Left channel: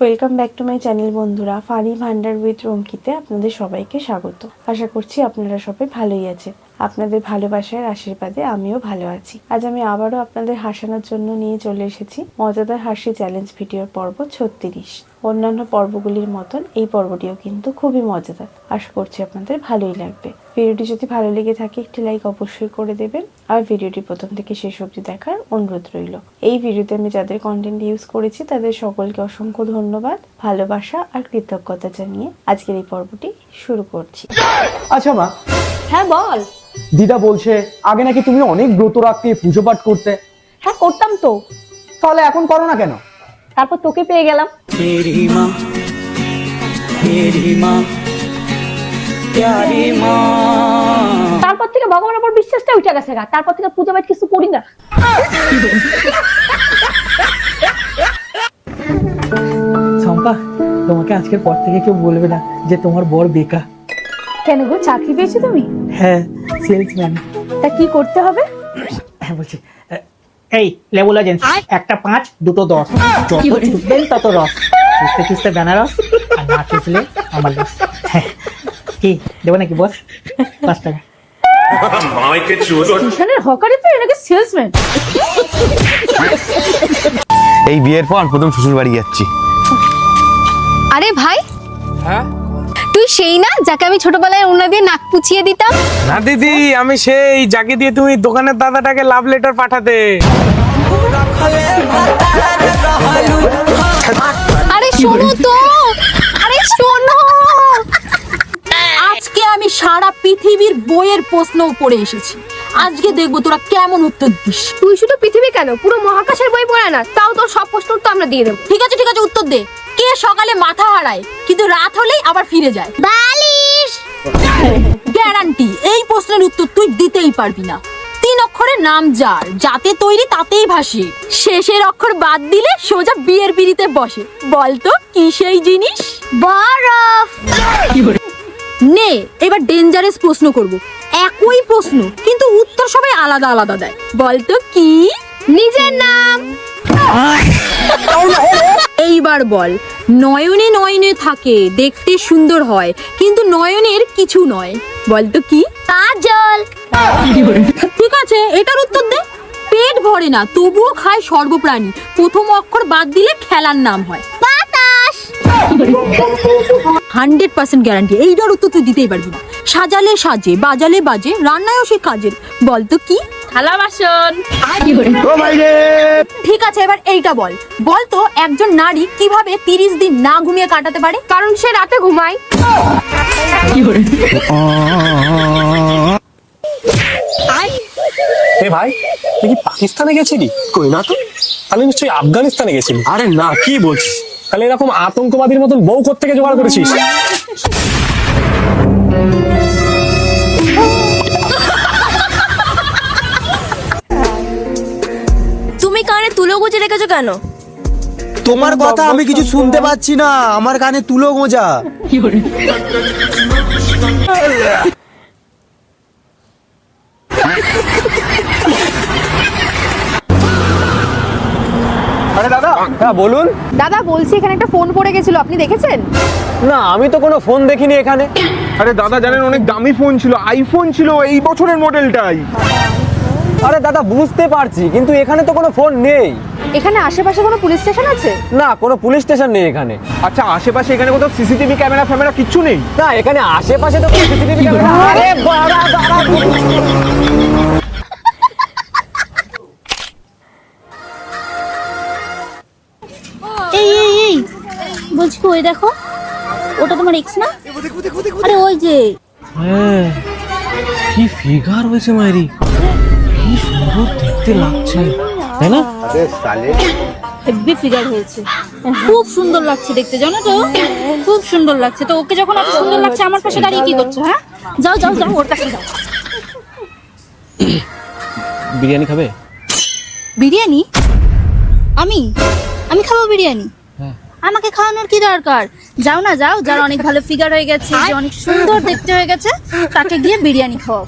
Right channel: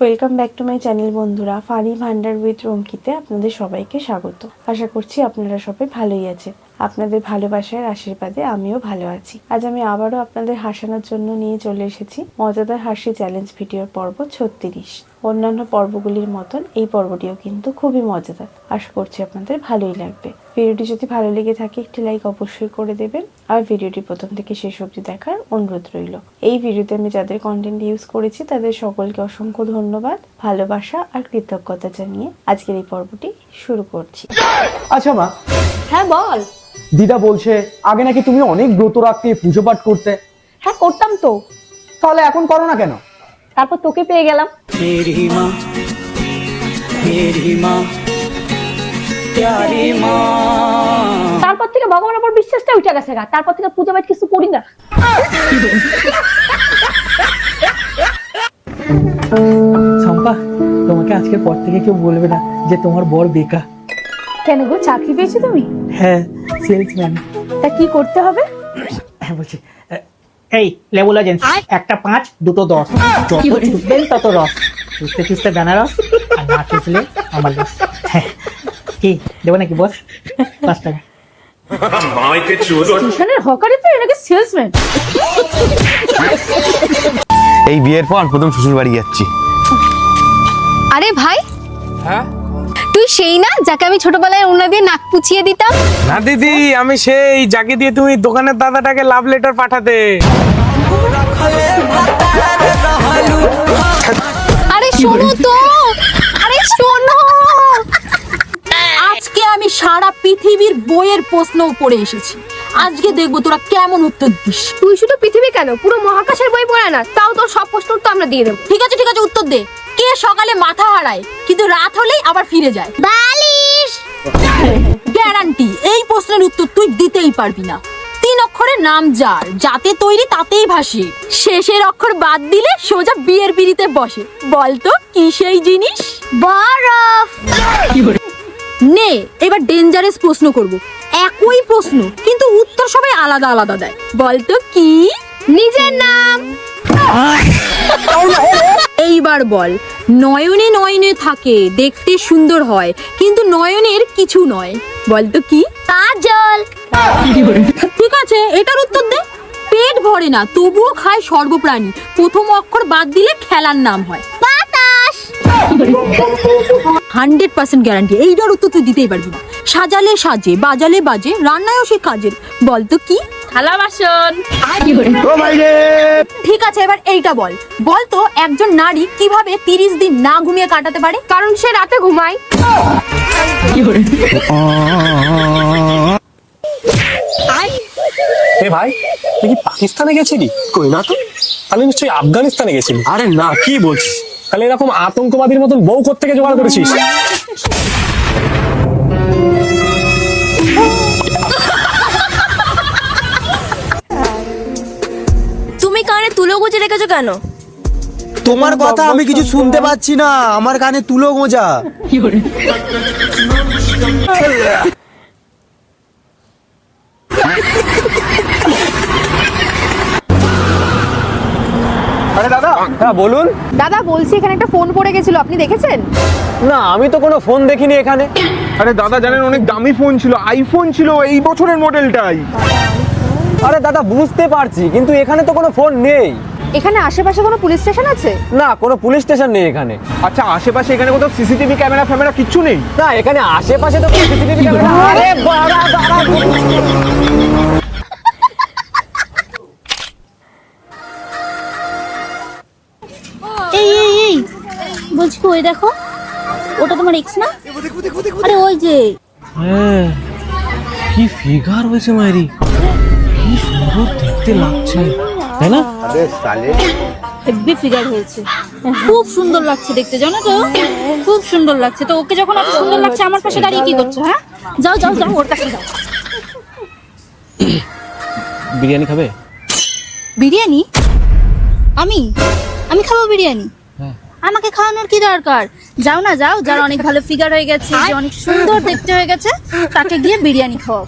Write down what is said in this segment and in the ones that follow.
Welcome back to my channel বন্ধুরা। Funny Bhandar with রঙ্কিতে আপনাদের সবাইকে স্বাগত। আশা করছি আপনারা সবাই ভালোই আছেন। আপনাদের ভালোবাসার আশীর্বাদে আমিও ভালো আছি। আজ আমি আবারও আপনাদের হাসানোর জন্য নিয়ে চলে এসেছি মজাদার হাসি চ্যালেঞ্জ ভিডিওর পর্ব 36। অন্যান্য পর্বগুলির মতন এই পর্বটিও কিন্তু খুবই মজাদার। আশা করছি আপনাদের ভালোই লাগবে। ভিডিওটি যদি ভালো লেগে থাকে একটি লাইক অবশ্যই করে দেবেন, আর ভিডিওটি প্রথম থেকে শেষ অবধি দেখার অনুরোধ রইল। এই ভিডিওতে আমি যাদের কন্টেন্ট ইউজ করেছি তাদের সকলকে অসংখ্য ধন্যবাদ, ভালোবাসা আর কৃতজ্ঞতা জানিয়ে আজকের এই পর্বটি শুরু করছি। আচ্ছা মা, হ্যাঁ বল। দিদা বলছে আগে নাকি তুমি অনেক ব্রত রাখতে, পুজো পাঠ করতে। হ্যাঁ করতাম তো, তাহলে এখন করো না কেন? তারপর তোকে পেয়ে গেলাম। তারপর থেকে ভগবানের উপর বিশ্বাসটা উঠে গেছে গা। তারপর থেকে পূজা পাঠ কিছু করি না। শম্পা, তোমাকে আজকের পর থেকে কেউ বলবে না যে তোমার বর বেকার। কেন গো, চাকরি পেয়েছো তুমি? হ্যাঁ, সেলসম্যান। তা কি করতে হবে? হ্যাঁ বলছি, এই লেবুলা জেন্স, একটা 5 দুটো 10, যত চুষবেন তত রস, চুষতে চুষতে বেনারস, আর না চুষলে আমার লস। কি দেবো নাকি বস? স্টেশনের হকারে তো এনাকে সেলসম্যান। এই বিয়ের পর প্রথম শ্বশুর বাড়ি যাচ্ছি। আরে ভাই, হ্যাঁ তুই সেই না যাকে আমি ছোটবেলায় ওনা দিয়ে নাক পুছিয়ে দিতাম? না দিদি, আমি সেই যাকে দিয়ে তুমি দোকানের দাদাটাকে লাভ লেটার পাঠাতে। আরে শোনো তো, আরে শোনো। আজকে আমি সারা পৃথিবীর বইয়ের প্রশ্ন পড়ে এসেছি। আজকে দেখবো তোরা কেমন উত্তর দিস। তুই শুধু পৃথিবী কেন, পুরো মহাকাশের বই পড়ে না, তাও তোর সব প্রশ্ন তো আমরা দিয়ে দেবো। ঠিক আছে উত্তর দে। কে সকালে মাথা হারায় কিন্তু রাত হলেই আবার ফিরে যায়? বালিশ। গ্যারান্টি এই প্রশ্নের উত্তর তুই দিতেই পারবি না। 3 অক্ষরের নাম যার, যাতে তৈরি তাতেই ভাসে। শেষের অক্ষর বাদ দিলে সোজা বিয়ের পিড়িতে বসে। বলতো কি সেই জিনিস? বরফ। নে এবার ডেঞ্জারাস প্রশ্ন করব। একই প্রশ্ন কিন্তু উত্তর সবাই আলাদা আলাদা দেয়। বলতো কি? নিজের নাম। এইবার বল। নয়নে নয়নে থাকে, দেখতে সুন্দর হয়, কিন্তু নয়নের কিছু নয়। বলতো কি? কাজল। ঠিক আছে, এটার উত্তর দে। পেট ভরে না তবুও খায় সর্বপ্রাণী, প্রথম অক্ষর বাদ দিলে খেলার নাম হয়। বাতাস। 100% গ্যারান্টি এইটার উত্তর তুই দিতেই পারবি না। সাজালে সাজে, বাজালে বাজে, রান্নায়ও সে কাজের। বলতো কি? থালা বাসন। ঠিক আছে, এবার এইটা বল। বলতো একজন নারী কিভাবে 30 দিন না ঘুমিয়ে কাটাতে পারে? কারণ সে রাতে ঘুমায়। এ ভাই, তুই কি পাকিস্তানে গেছিলি? কই না তো। তাহলে নিশ্চয়ই আফগানিস্তানে গেছিলি। আরে না, কি বলছিস? তাহলে এরকম আতঙ্কবাদীর মতন বউ কোত্থেকে জোগাড় করেছিস? তুমি কানে তুলো গুজে রেখেছো কেন? তোমার কথা আমি কিছু শুনতে পাচ্ছি না, আমার কানে তুলো গোঁজা। দাদা, হ্যাঁ বলুন। দাদা বলছি, এখানে একটা ফোন পড়ে গেছিল, আপনি দেখেছেন? না, আমি তো কোনো ফোন দেখিনি এখানে। দামি ফোন ছিল, আইফোন ছিল, এই বছরের মডেলটাই। আরে দাদা, বুঝতে পারছি, কিন্তু এখানে তো কোনো ফোন নেই। এখানে আশেপাশে কোনো পুলিশ স্টেশন আছে? না, কোনো পুলিশ স্টেশন নেই এখানে। আচ্ছা, আশেপাশে এখানে কোথাও সিসিটিভি ক্যামেরা ফ্যামেরা কিচ্ছু নেই? না, এখানে আশেপাশে তো সিসিটিভি এই বলছি, ওই দেখো, ওটা তোমার এক্স না? আরে ওই যে। কি ফিগার হয়েছে মায়েরি, কি সুন্দর দেখতে লাগছে, তাই না? হেব্বি ফিগার হয়েছে, খুব সুন্দর লাগছে দেখতে, জানো তো? খুব সুন্দর লাগছে। তো ওকে যখন এত সুন্দর লাগছে, আমার পাশে দাঁড়িয়ে কি করছো? হ্যাঁ, যাও যাও যাও, ওর কাছে যাও। বিরিয়ানি খাবে? বিরিয়ানি? আমি আমি খাবো বিরিয়ানি? আমাকে খাওয়ানোর কি দরকার? যাও না, যাও, যার অনেক ভালো ফিগার হয়ে গেছে, যে অনেক সুন্দর দেখতে হয়ে গেছে, তাকে গিয়ে বিরিয়ানি খাও।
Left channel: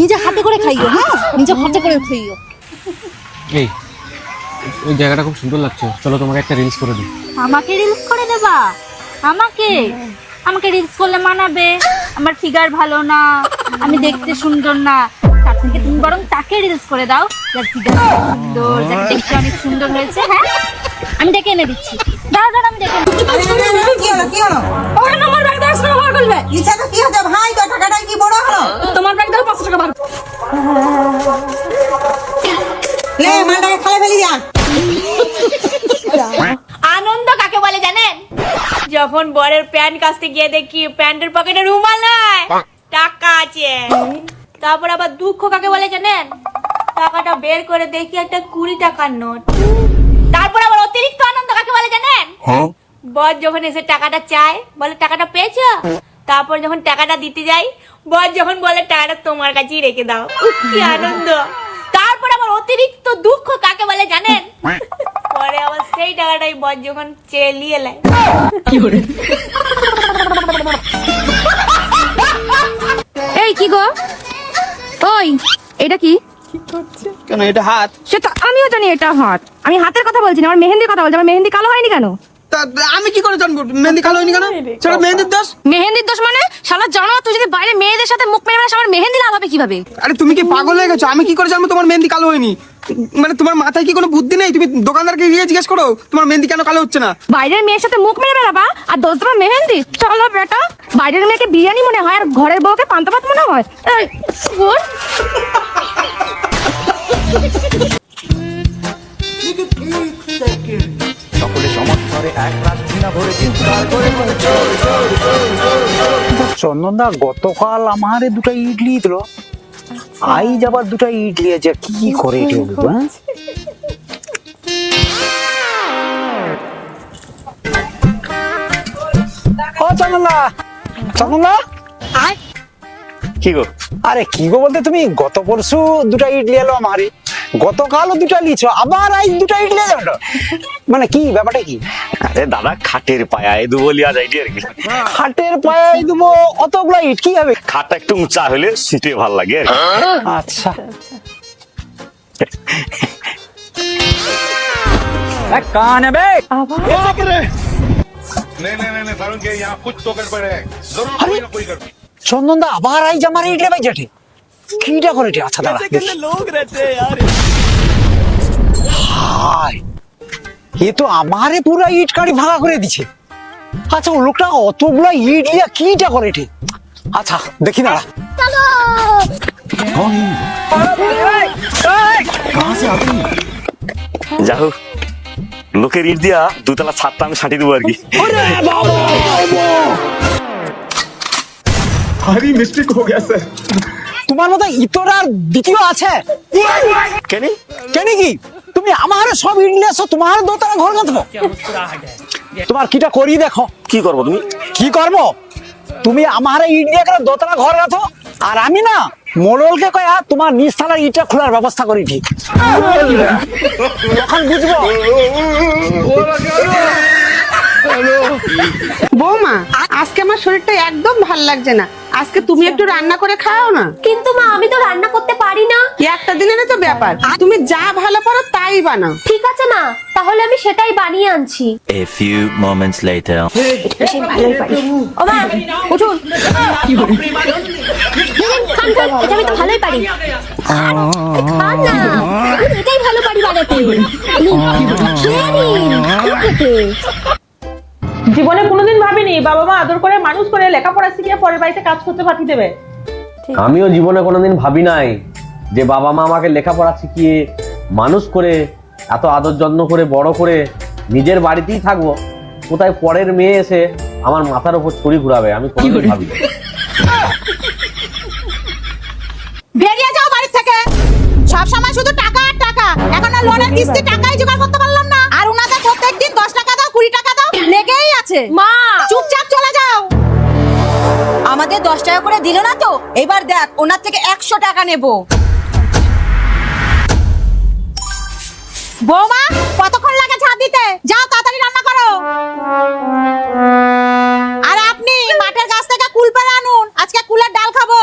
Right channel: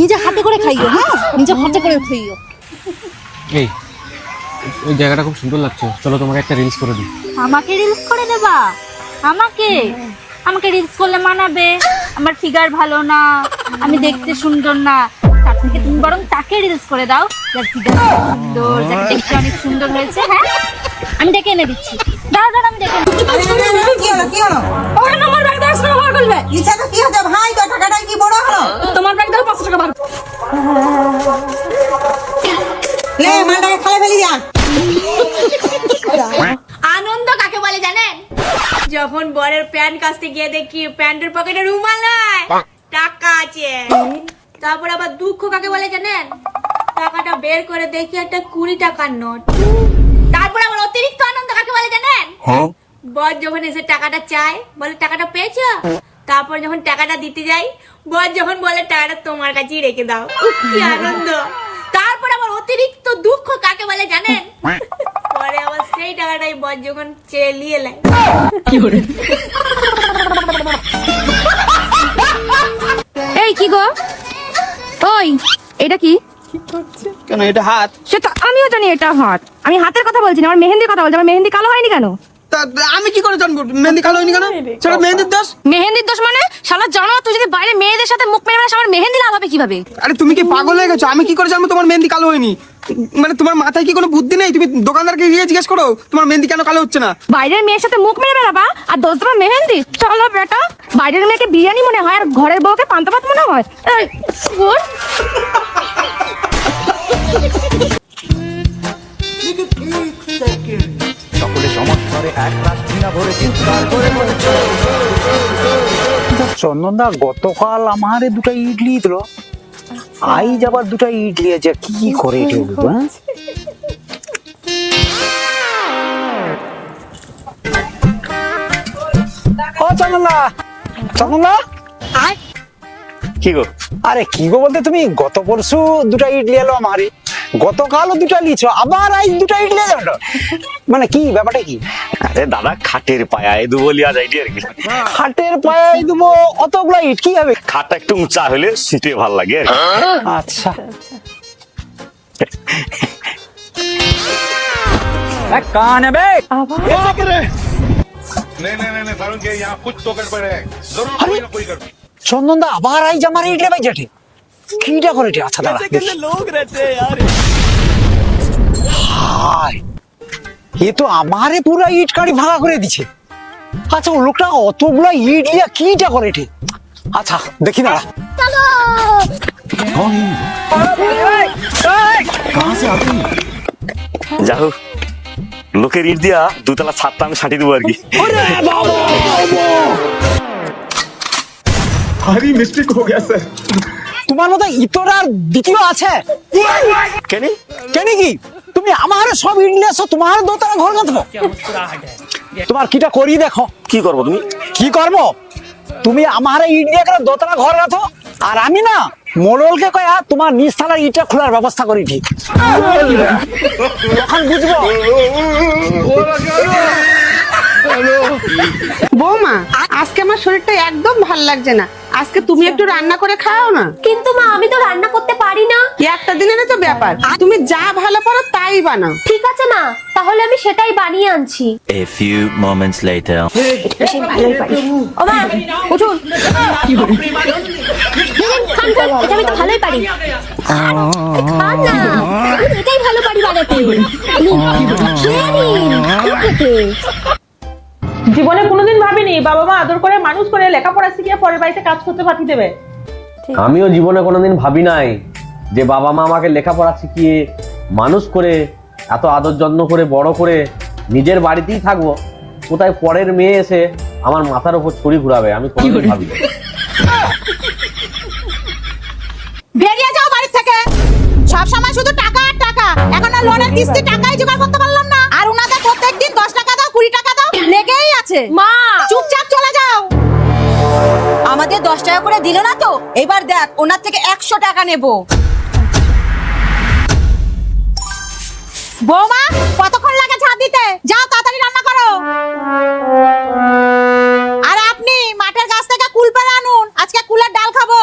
নিজে হাতে করে খাইও, হ্যাঁ, নিজে হাতে করে খাইও। এই ওই জায়গাটা খুব সুন্দর লাগছে, চলো তোমাকে একটা রিলস করে দিই। আমাকে রিলস করে দেবা? আমাকে আমাকে রিলস করলে মানাবে? আমার ফিগার ভালো না, আমি দেখতে সুন্দর না, তার থেকে তুমি বরং তাকে রিলস করে দাও যার ফিগার সুন্দর, যার দেখতে অনেক সুন্দর হয়েছে। হ্যাঁ, আমি দেখে এনে দিচ্ছি। দাঁড়া দাঁড়া, আমি দেখে ওখানে আমার ব্যাগ 10 টাকা বার করবে। ইচ্ছাটা কি হচ্ছে ভাই, তো টাকাটাই কি বড় হলো? তোমার ব্যাগ দাও 500 টাকা বার। লে মালটাকে খালে ফেলি যা। আনন্দ কাকে বলে জানেন? যখন বরের প্যান্ট কাচতে গিয়ে দেখি প্যান্টের পকেটে রুমাল নেই, টাকা আছে। তারপর আবার দুঃখ কাকে বলে জানেন? টাকাটা বের করে দেখি একটা 20 টাকার নোট। তারপর আবার অতিরিক্ত আনন্দ কাকে বলে জানেন? বর যখন এসে টাকাটা চায়, বলে টাকাটা পেয়েছো? তারপর যখন টাকাটা দিতে যাই, বর যখন বলে টাকাটা তোমার কাছেই রেখে দাও, কি আনন্দ। তারপর আবার অতিরিক্ত দুঃখ কাকে বলে জানেন? পরে আবার সেই টাকাটাই বর যখন চেলিয়ে নেয়। এই কি গো, ওই এটা কি? কি করছে? কেন এটা হাত? সেটা আমিও জানি এটা হাত। আমি হাতের কথা বলছি না, আমার মেহেন্দির কথা বলছি। আমার মেহেন্দি কালো হয়নি কেন? আমি কি করে জানবো মেহেন্দি কালো হয়নি কেন? সেটা মেহেন্দির দোষ। মেহেন্দির দোষ মানে? শালা জানো তুই যদি বাইরে মেয়েদের সাথে মুখ মেরে বেড়াস, আমার মেহেন্দি লাভ হবে কিভাবে? আরে তুমি কি পাগল হয়ে গেছো? আমি কি করে জানবো তোমার মেহেন্দি কালো হয়নি? মানে তোমার মাথায় কি কোনো বুদ্ধি নেই? তুমি দোকানদারকে গিয়ে জিজ্ঞেস করো তোমার মেহেন্দি কেন কালো হচ্ছে না। বাইরের মেয়ের সাথে মুখ মেরে বেড়াবা আর দোষ তোমার মেহেন্দি? চলো বেটা, বাইরের মেয়েকে বিরিয়ানি মনে হয় আর ঘরের বউকে পান্তা ভাত মনে হয়। এই, শোন। চন্দনদা গতকাল আমার দুটো ইডলি দিল, আজ আবার দুটো ইডলি আছে, কি করে কি এটা বলতো? করছে? চন্দনদা কি গো? আরে কি গো বলতে তুমি গত পরশু দুটো ইডলি এলো আমারই, গতকালও দুটো লিছো, আবার আজ দুটো ইডলি যাবে, মানে কি ব্যাপারটা কি? আরে দাদা খাটের পায়ায় দেবো লিয়া যায় আর কি। হাটের পায়ে দেবো অতগুলা ইট কি হবে? খাটটা একটু উঁচা হলে শীতে ভাল লাগে আর কি। আচ্ছা কানে বে আবার চন্দনদা আবার আইজ আমার ইডলি ভাই জেঠি, কিটা করে এটি? আচ্ছা দাদা হাই, এ তো আমারে পুরা ইট কাটি ভাঙা করে দিছে। আচ্ছা ও লোকটা অতগুলা ইট লিয়া কিটা করে এটি? আচ্ছা দেখি না। লোকের ইট দিয়া দুতলা ছাদটা আমি ছাড়িয়ে দেবো আর কি। তোমার মতো ইতরা দ্বিতীয় আছে কেন? কেন কি? তুমি আমার সব ইট নিয়ে আসো, তোমার দোতলা ঘর না দেবো। তোমার কিটা করি দেখো। কি করবো তুমি? কি করবো? তুমি আমার ইট দিয়ে একটা দোতলা ঘর আছো, আর আমি না মোড়লকে কয়া তোমার নিচতলার ইটটা খোলার ব্যবস্থা করি, ঠিক এখন বুঝবো। বৌমা, আজকে আমার শরীরটা একদম ভালো লাগছে না, আজকে তুমি একটু রান্না করে খাও না। কিন্তু মা, আমি তো রান্না করতে পারি না। একটা দিনের তো ব্যাপার, তুমি যা ভালো পারো তাই বানাও। ঠিক আছে মা, তাহলে আমি সেটাই বানিয়ে আনছি। ও মা, উঠুন। খান, খান, আমি তো ভালোই পারি। খান না, এটাই ভালো পারি বানাতে। জীবনে কোনোদিন ভাবিনি বাবা মা আদর করে মানুষ করে লেখাপড়া শিখিয়ে পরের বাড়িতে কাজ করতে পাঠিয়ে দেবে। আমিও জীবনে কোনোদিন ভাবি নাই যে বাবা মা আমাকে লেখাপড়া শিখিয়ে মানুষ করে এত আদর যত্ন করে বড় করে নিজের বাড়িতেই থাকবো, কোথায় পরের মেয়ে এসে আমার মাথার উপর ছুরি ঘুরাবে, আমি কোনোদিন ভাবি নাই। বেরিয়ে যাও বাড়ি থেকে, সব সময় শুধু টাকা আর টাকা। এখন আর লোনের কিস্তি টাকাই জোগাড় করতে পারলাম না, আর ওনাদের প্রত্যেকদিন 10 টাকা দাও 20 টাকা দাও লেগেই আছে। মা চুপচাপ চলে যাও। আমাদের 10 টাকা করে দিলে না তো, এবার দেখ ওনার থেকে 100 টাকা নেব। কতক্ষণ লাগে ঝাড় দিতে? যাও তাড়াতাড়ি রান্না করো। আর আপনি মাঠের গাছ থেকে কুল পেড়ে আনুন, আজকে কুলের ডাল খাবো।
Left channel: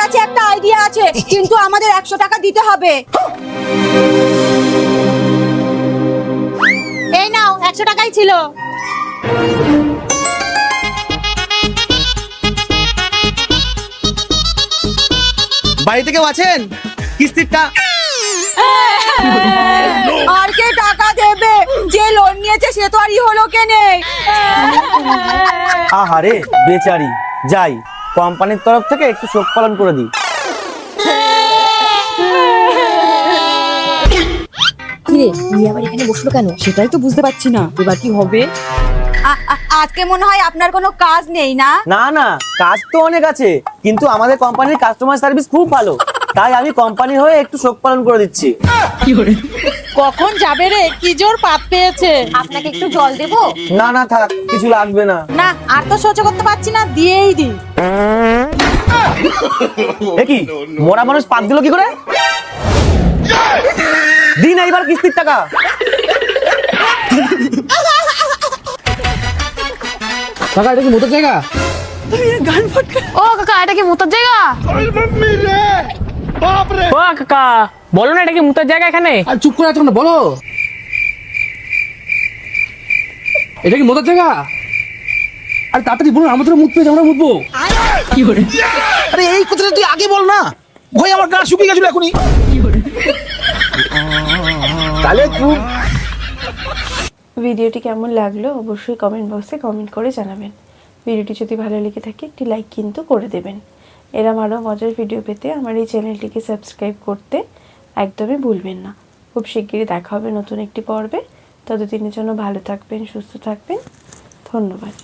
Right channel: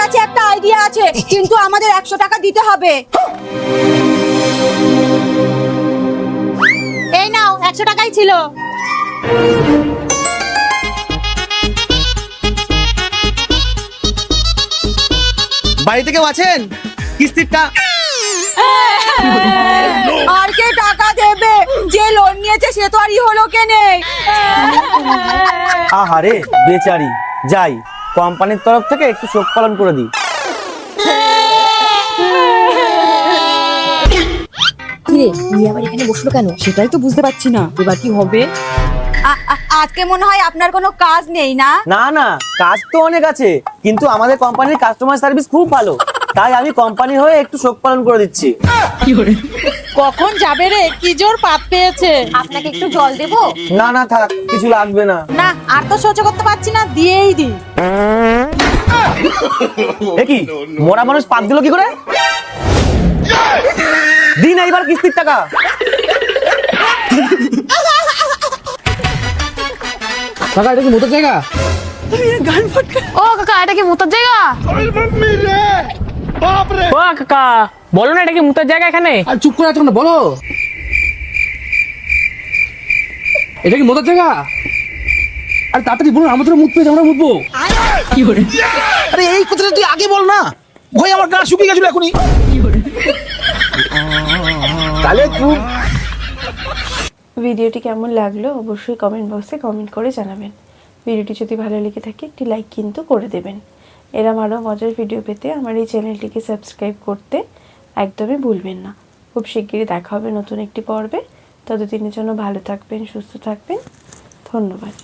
কাছে একটা আইডিয়া আছে, কিন্তু আমাদের 100 টাকা দিতে হবে। এই নাও, 100 টাকাই ছিল। বাড়িতে কেউ আছেন? কিস্তিরটা আর কে টাকা দেবে? যে লোন নিয়েছে সে তো আরই হলো কেনে। আহারে বেচারি, যাই কোম্পানির তরফ থেকে একটু শোক পালন করে দিই। কিরে নিয়ে আবার এখানে বসলো কেন সেটাই তো বুঝতে পারছি না, এবার কি হবে? আজকে মনে হয় আপনার কোনো কাজ নেই না? না নয়, কাজ তো অনেক আছে, কিন্তু আমাদের কোম্পানির কাস্টমার সার্ভিস খুব ভালো, তাই আমি কোম্পানি হয়ে একটু শোক পালন করে দিচ্ছি। কখন যাবে রে? কি জোর পাপ পেয়েছে। আপনাকে একটু জল দেবো? না না থাক, কিছু লাগবে না। না, আর তো সহ্য করতে পারছি না, দিয়েই দি। কি মোরা মানুষ পাপ দিল কি করে? দিন এইবার কিস্তির টাকা। কাকা এটা কি মোটর জায়গা? ও কাকা এটা কি মোতার জায়গা? ও কাকা বলো না এটা কি মুতার জায়গা এখানে? আর চুপ করে আছো না, বলো। এটা কি মোটর জায়গা? আরে তাড়াতাড়ি বলুন, আমাদের মুততে যাবো, মুতবে। আরে এই কথাটা তুই আগে বল না, ভাই আমার গা শুকিয়ে গেছিল এখনই। তাহলে তুই ভিডিওটি কেমন লাগলো অবশ্যই কমেন্ট বক্সে কমেন্ট করে জানাবেন। ভিডিওটি যদি ভালো লেগে থাকে একটি লাইক কিন্তু করে দেবেন। এরম আরও মজার ভিডিও পেতে আমার এই চ্যানেলটিকে সাবস্ক্রাইব করতে একদমই ভুলবেন না। খুব শিগগিরই দেখা হবে নতুন একটি পর্বে। ততদিনের জন্য ভালো থাকবেন, সুস্থ থাকবেন। ধন্যবাদ।